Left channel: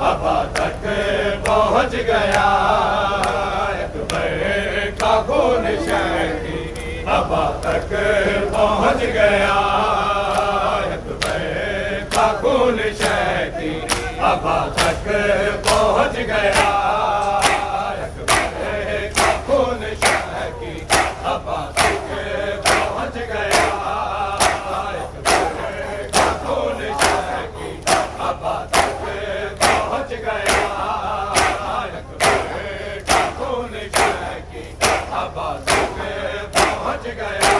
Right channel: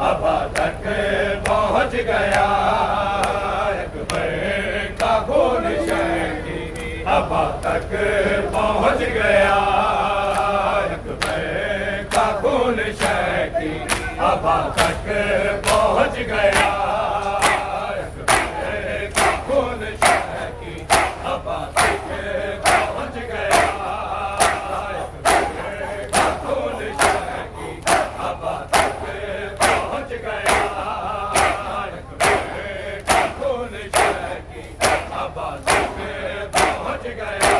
हवा तक पहुँच गया, अकबर का खून शहकी हवा तक पहुँच गया, अकबर का खून शहकी हवा तक पहुँच गया, अकबर का खून शहकी हवा तक पहुँच गया, अकबर का खून शहकी हवा तक पहुँच गया, अकबर का खून शहकी हवा तक पहुँच गया,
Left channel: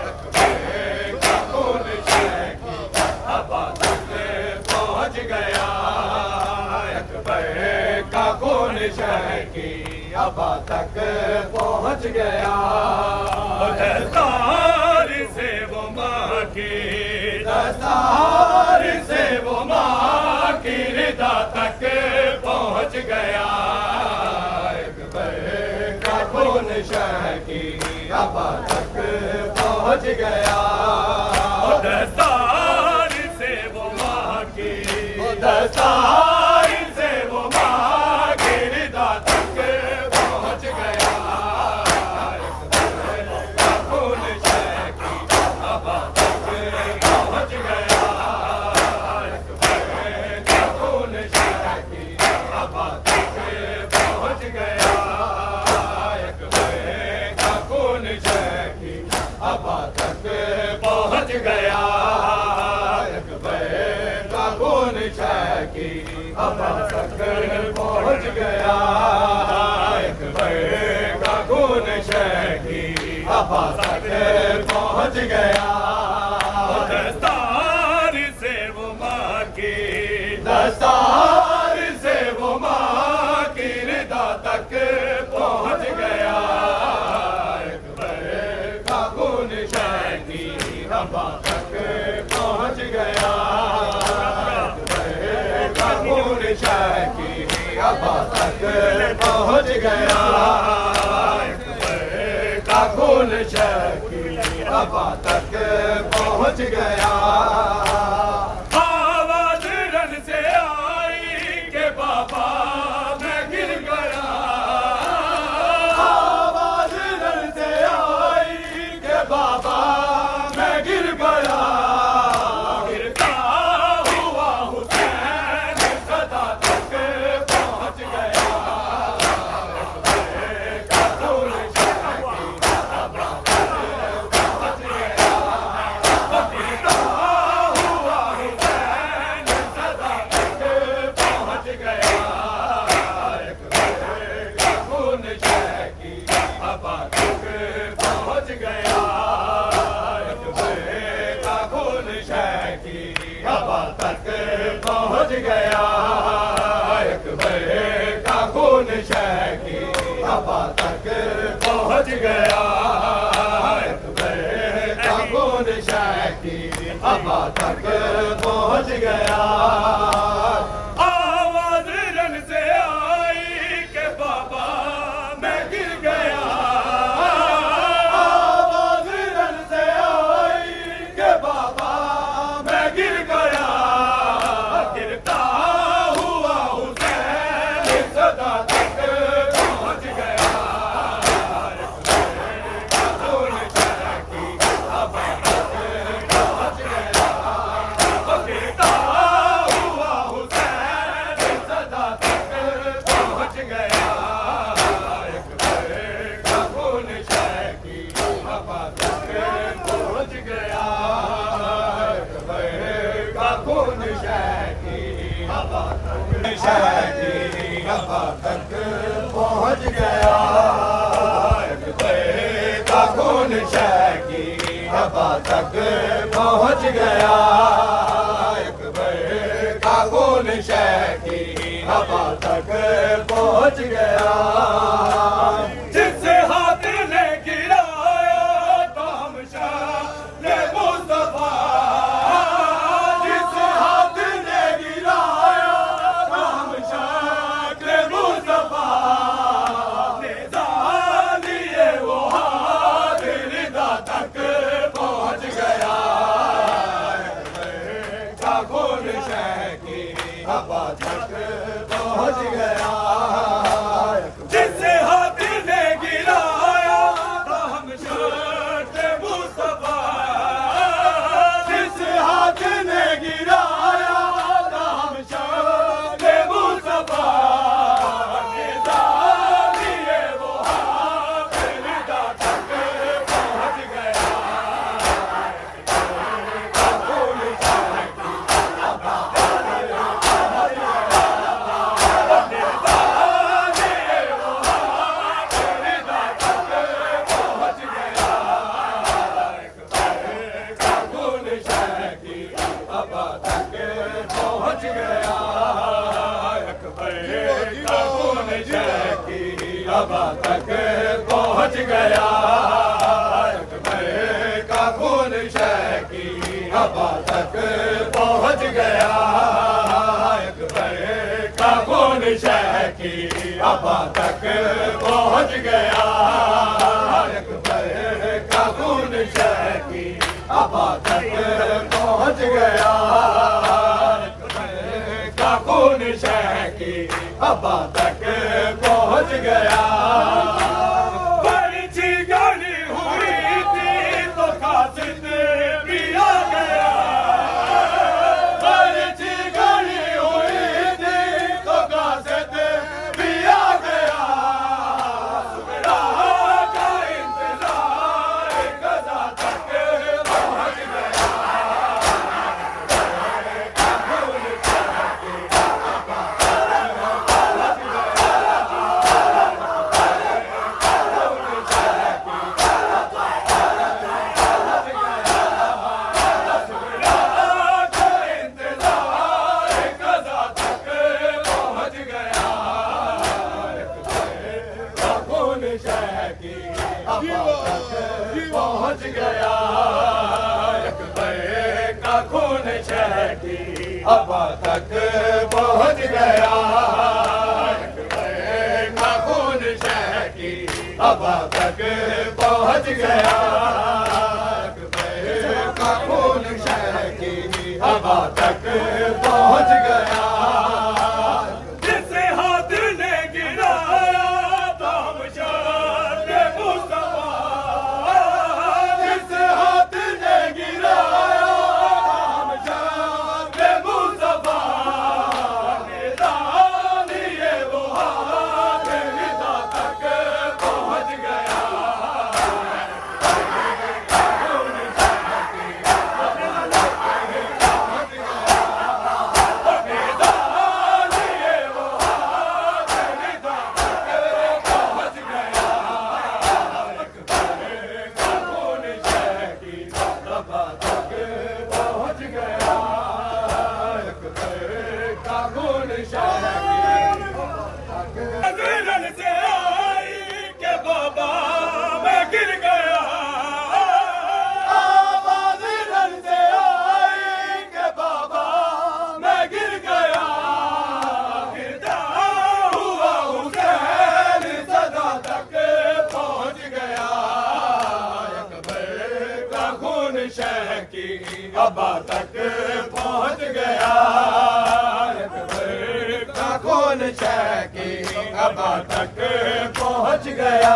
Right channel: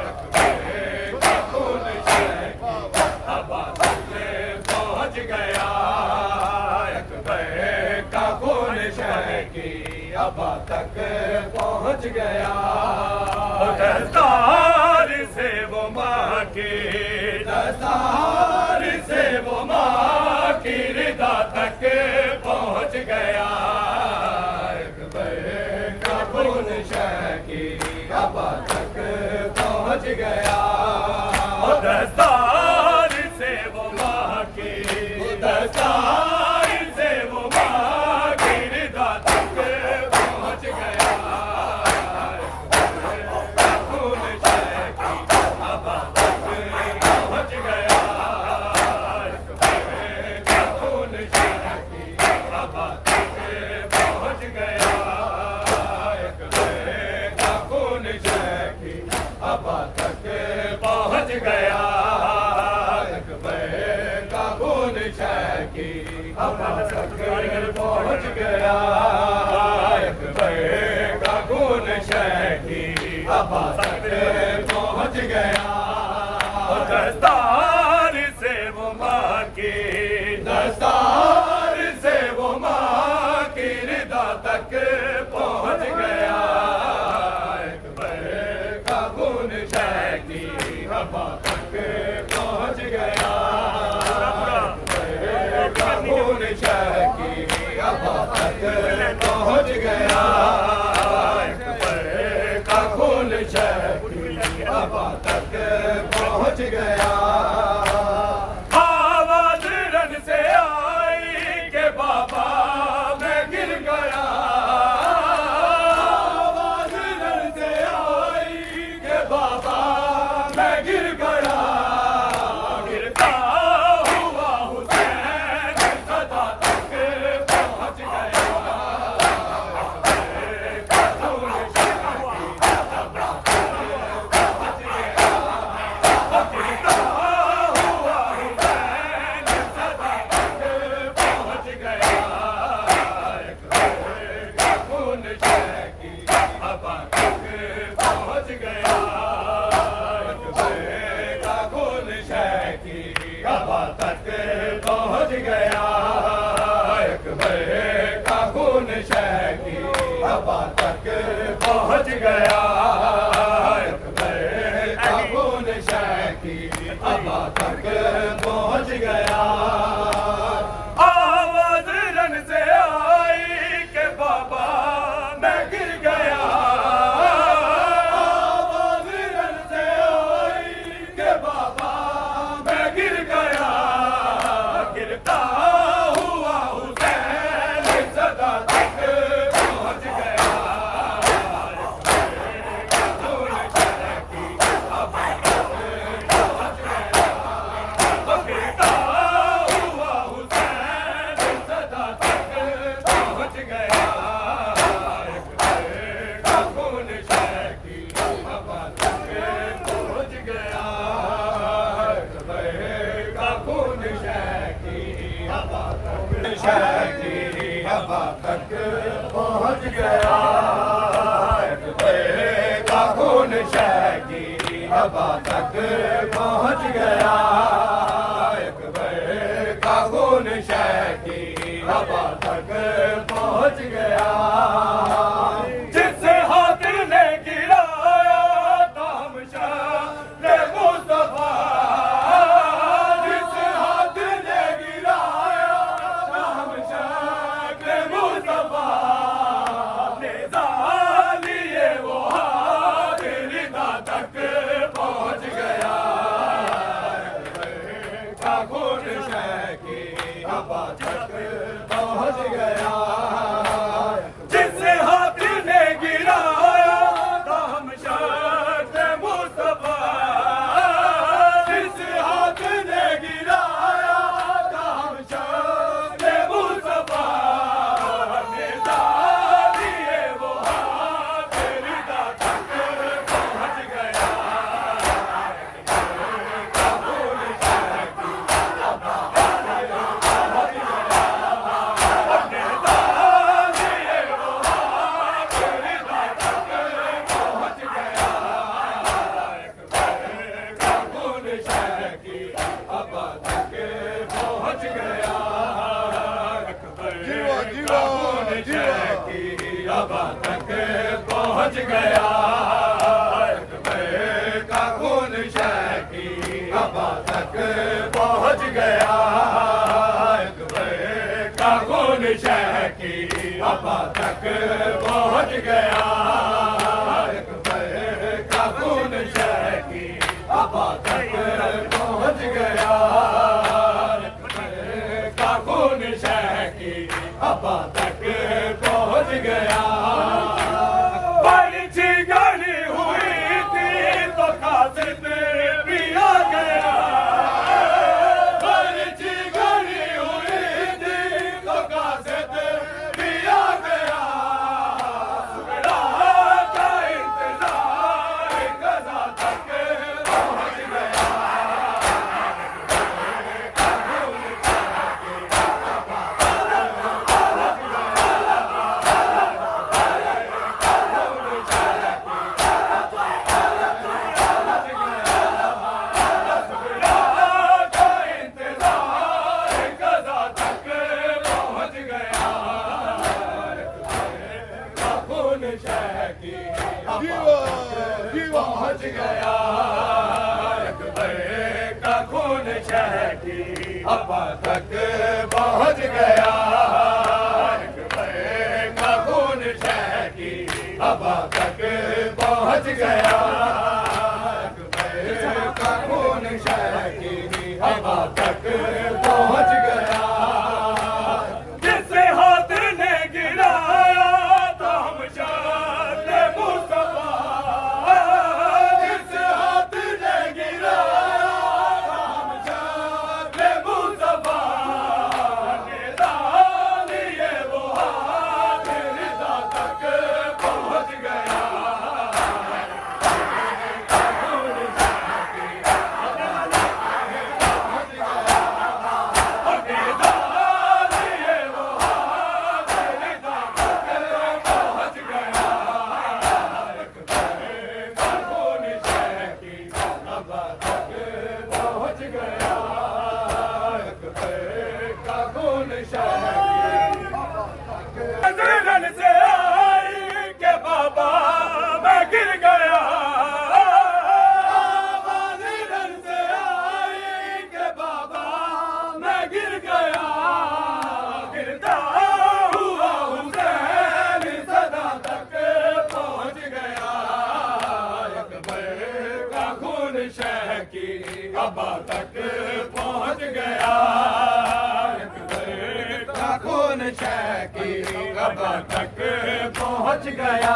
अकबर का खून शहकी हवा तक पहुँच गया, अकबर का खून शहकी हवा तक पहुँच गया। दस्तार से वो माँ की, दस्तार से वो माँ की रिदा तक पहुँच गया, अकबर का खून शहकी हवा तक पहुँच गया। दस्तार से वो माँ की, दस्तार से वो माँ की रिदा तक पहुँच गया, अकबर का खून शहकी हवा तक पहुँच गया, अकबर का खून शहकी हवा तक पहुँच गया, अकबर का खून शहकी हवा तक पहुँच गया, अकबर का खून शहकी हवा तक पहुँच गया, अकबर का खून शहकी हवा तक पहुँच गया। दस्तार से वो माँ की, दस्तार से वो माँ की रिदा तक पहुँच गया, अकबर का खून शहकी हवा तक पहुँच गया, अकबर का खून शहकी हवा तक पहुँच गया, अकबर का खून शहकी हवा तक पहुँच गया। आवाज रन से आई के बाबा मैं गिर गया, आवाज रन से आई के बाबा मैं गिर गया, गिरता हुआ हुसैन सदा तक पहुँच गया, अकबर का खून शहकी हवा तक पहुँच गया, गिरता हुआ हुसैन सदा तक पहुँच गया, अकबर का खून शहकी हवा तक पहुँच गया, अकबर का खून शहकी हवा तक पहुँच गया, अकबर का खून शहकी हवा तक पहुँच गया, अकबर का खून शहकी हवा तक पहुँच गया। आवाज रन से आई के बाबा मैं गिर गया, आवाज रन से आई के बाबा मैं गिर गया, गिरता हुआ हुसैन सदा तक पहुँच गया, अकबर का खून शहकी हवा तक पहुँच गया, गिरता हुआ हुसैन सदा तक पहुँच गया, अकबर का खून शहकी हवा तक पहुँच गया, अकबर का खून शहकी हवा तक शहकी हवा तक पहुँच गया, अकबर का खून शहकी हवा तक पहुँच गया, अकबर का खून शहकी हवा तक पहुँच गया। जिससे हाथ ने गिराया तामशाह रे मुस्तफा, जिस हाथ ने गिराया तामशाह रे मुस्तफा, निज़ालिए वो हाथ रिदा तक पहुँच गया, अकबर का खून शहकी हवा तक तक पहुँच गया अकबर का खून शह की हवा तक पहुँच गया अकबर का खून शह की हवा तक पहुँच गया अकबर का खून शह की हवा तक पहुँच गया अकबर का खून शह की हवा तक पहुँच गया पर्ची गानी हुई थी तो कासिद भी आ गया पर्ची गानी हुई थी तो कासिद भी आ गया सुबह का इंतजार गजा तक पहुँच गया पहुँच गया अकबर का खून शह की हवा तक पहुँच गया अकबर का खून शह की हवा तक पहुँच गया अकबर का खून शह की हवा तक पहुँच गया जिस हाथ ने गिराया तो हम शाह मुस्तफा जिस हाथ ने गिराया हम शाह मुस्तफा निदान लिए वो हाथ निदा तक पहुँच गया नजरन से आई के बाबा मैं गिर गया नजरन से आई के बाबा मैं गिर गया गिरता हुआ हुसैन सदा तक पहुँच गया अकबर का खून शह की हवा तक पहुँच गया खून शह की हवा तक पहुँच गया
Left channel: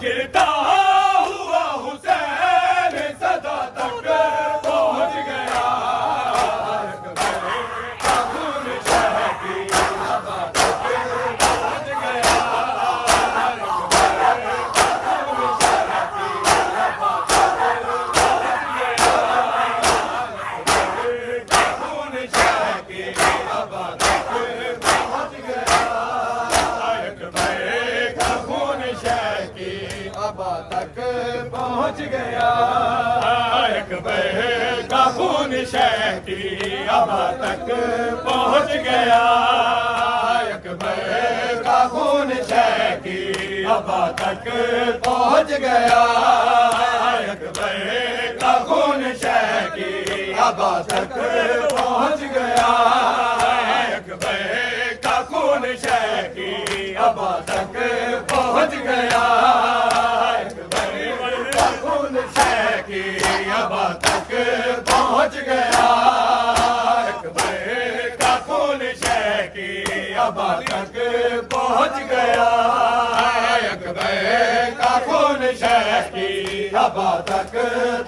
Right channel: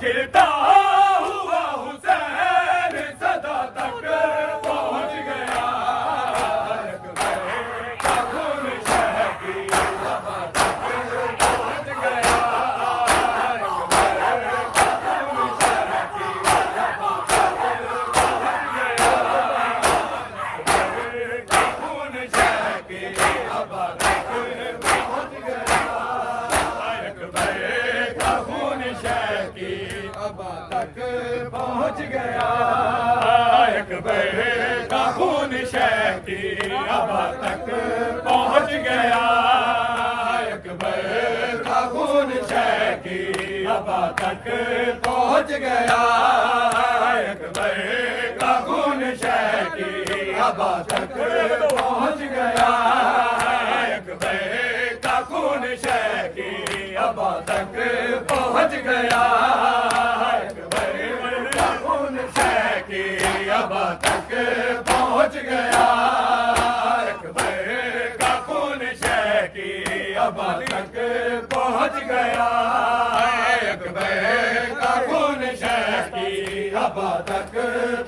गिरता हुआ हुसैन सदा तक पहुँच गया अकबर का खून शह की हवा तक पहुँच गया अकबर का खून शह की हवा तक पहुँच गया अकबर का खून शह की हवा तक पहुँच गया अकबर का खून शह की हवा तक पहुँच गया अकबर का खून शह की हवा तक पहुँच गया अकबर का खून शह की हवा तक पहुँच गया अकबर का खून शह की हवा तक पहुँच गया अकबर का खून शह की हवा तक पहुँच गया अकबर का खून शह की हवा तक पहुँच गया अकबर का खून शह की हवा तक पहुँच गया अकबर का खून शह की हवा तक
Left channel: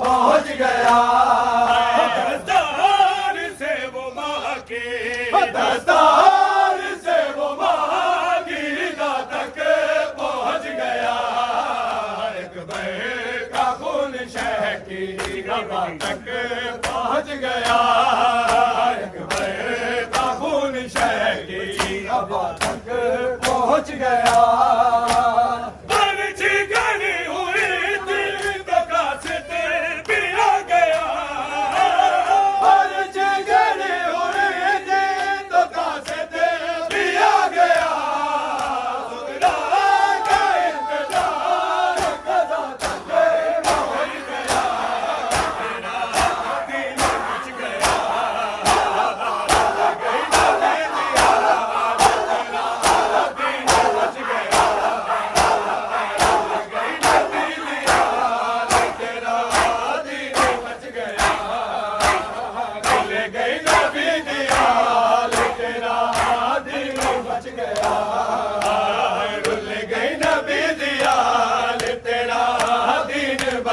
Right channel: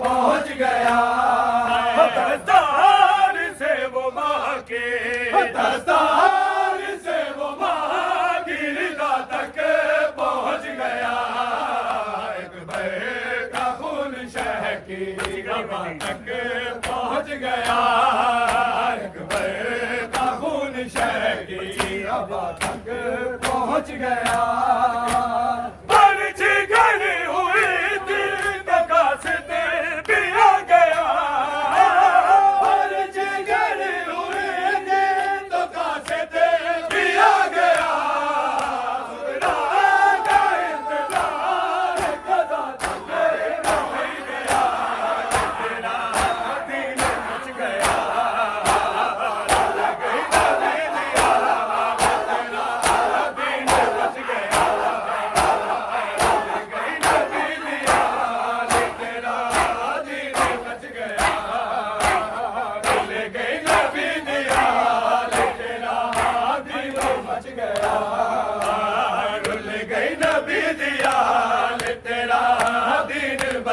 पहुँच गया दस्तार से वो माँ के दस्तार से वो माँ की रिदा तक पहुँच गया अकबर का खून शह की हवा तक पहुँच गया अकबर का खून शह की हवा तक पहुँच गया पर्ची गनी हुई थी तो कासिद भी आ गया पर्ची गनी हुई थी तो कासिद भी आ गया सुबह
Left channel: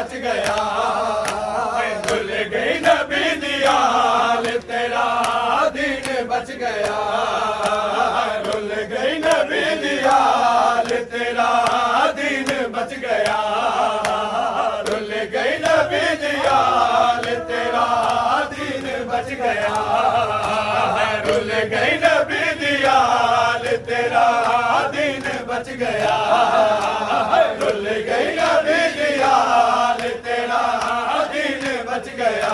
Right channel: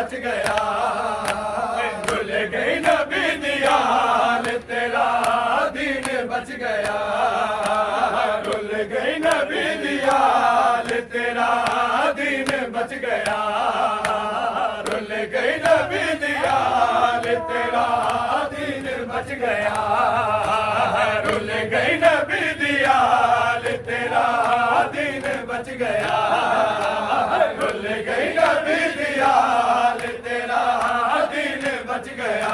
बच गया रुल गई नबी दी आल तेरा दीन बच गया रुल गई नबी दी आल तेरा दीन बच गया रुल गई नबी दी आल तेरा दीन बच गया रुल गई नबी दी आल तेरा दीन बच गया रुल गई नबी दी आल तेरा दीन बच गया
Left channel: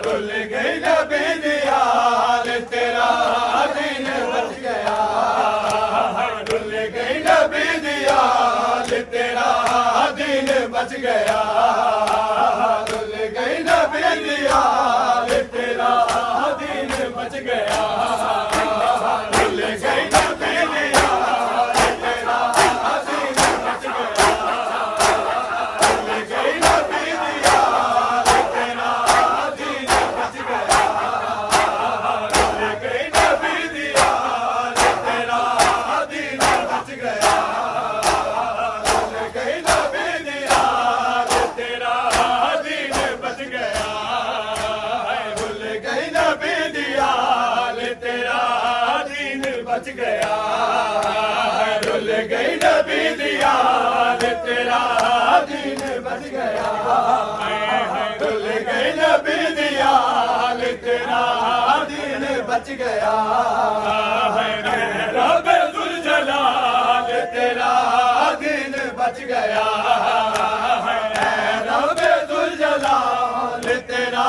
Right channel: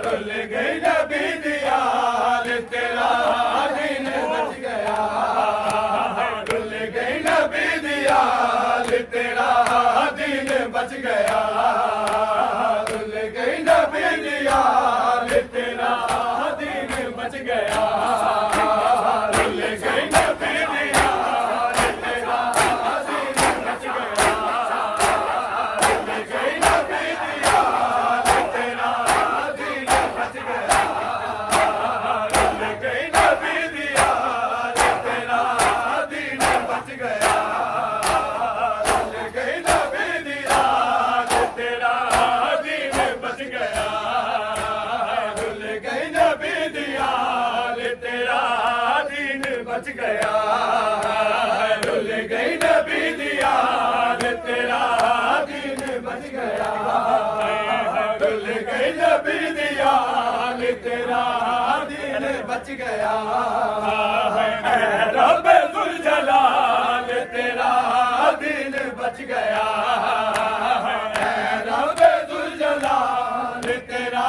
रुल गई नबी दी आल तेरा दीन बच गया रुल गई नबी दी आल तेरा दीन बच गया रुल गई नबी दी आल तेरा दीन बच गया रुल गई नबी दी आल तेरा दीन बच गया रुल गई नबी दी आल तेरा दीन बच गया रुल गई नबी दी आल तेरा दीन बच गया रुल गई नबी दी आल तेरा दीन बच गया रुल गई नबी दी आल तेरा दीन बच गया रुल गई नबी दी आल तेरा दीन बच गया रुल गई नबी दी आल तेरा दीन बच गया रब जुल जलाल तेरा दीन बच गया रब जुल जलाल तेरा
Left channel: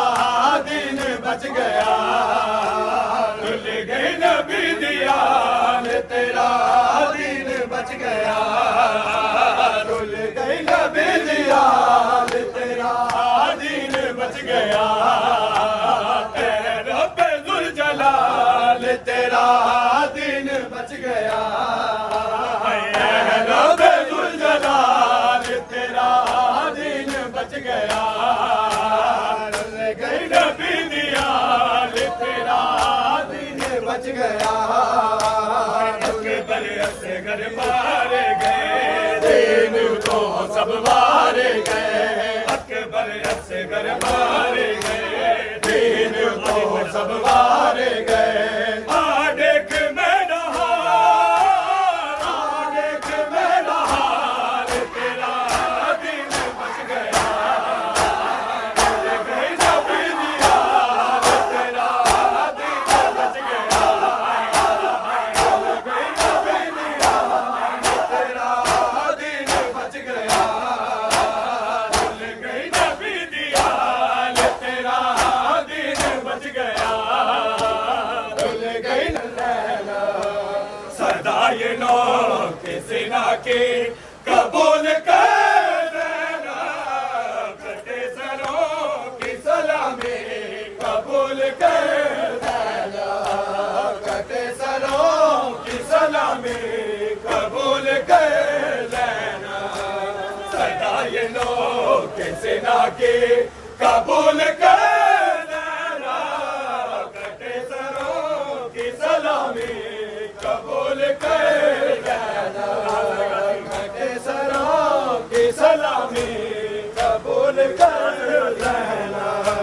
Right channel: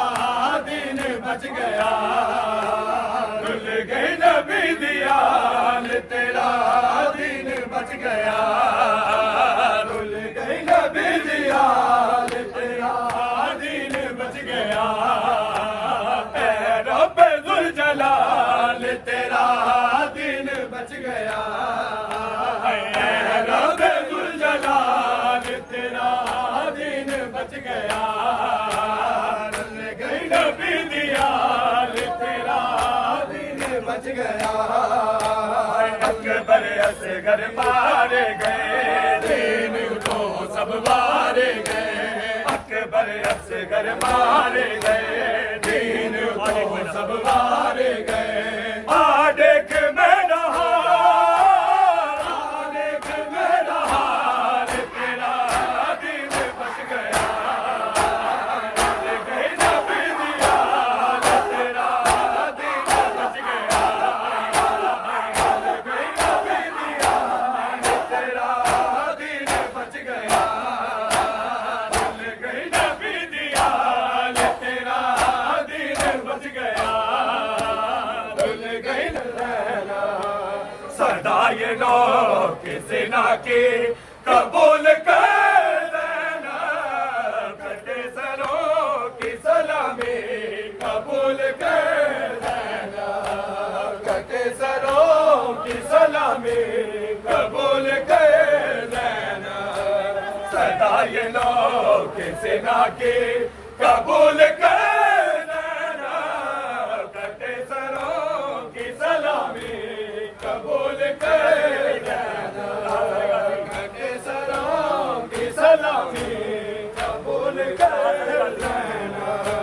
दीन बच गया रुल गई नबी दी आल तेरा दीन बच गया रुल गई नबी दी आल तेरा दीन बच गया रब जुल जलाल तेरा दीन बच गया रब जुल जलाल तेरा दीन बच गया रुल गई नबी दी आल तेरा दीन बच गया अकबर असगर मारे गए दीन को सब मारे गए अकबर असगर मारे गए दीन को सब मारे गए आ देख मेरा हाल आ देख मेरा हाल तेरा दीन बच गया रुल गई नबी दी आल तेरा दीन बच गया रुल गई नबी दी आल तेरा दीन बच गया रुल गई नबी दी आल तेरा दीन बच गया रुल गई सदा ये लोग किसी ना की कबूल कर देना कटे सरों की सलामी कबूल कर देना कटे सरों की सलामी कबूल कर देना सदा ये लोग किसी ना की कबूल कर देना कटे सरों की सलामी कबूल कर देना कटे सरों की सलामी कबूल कर देना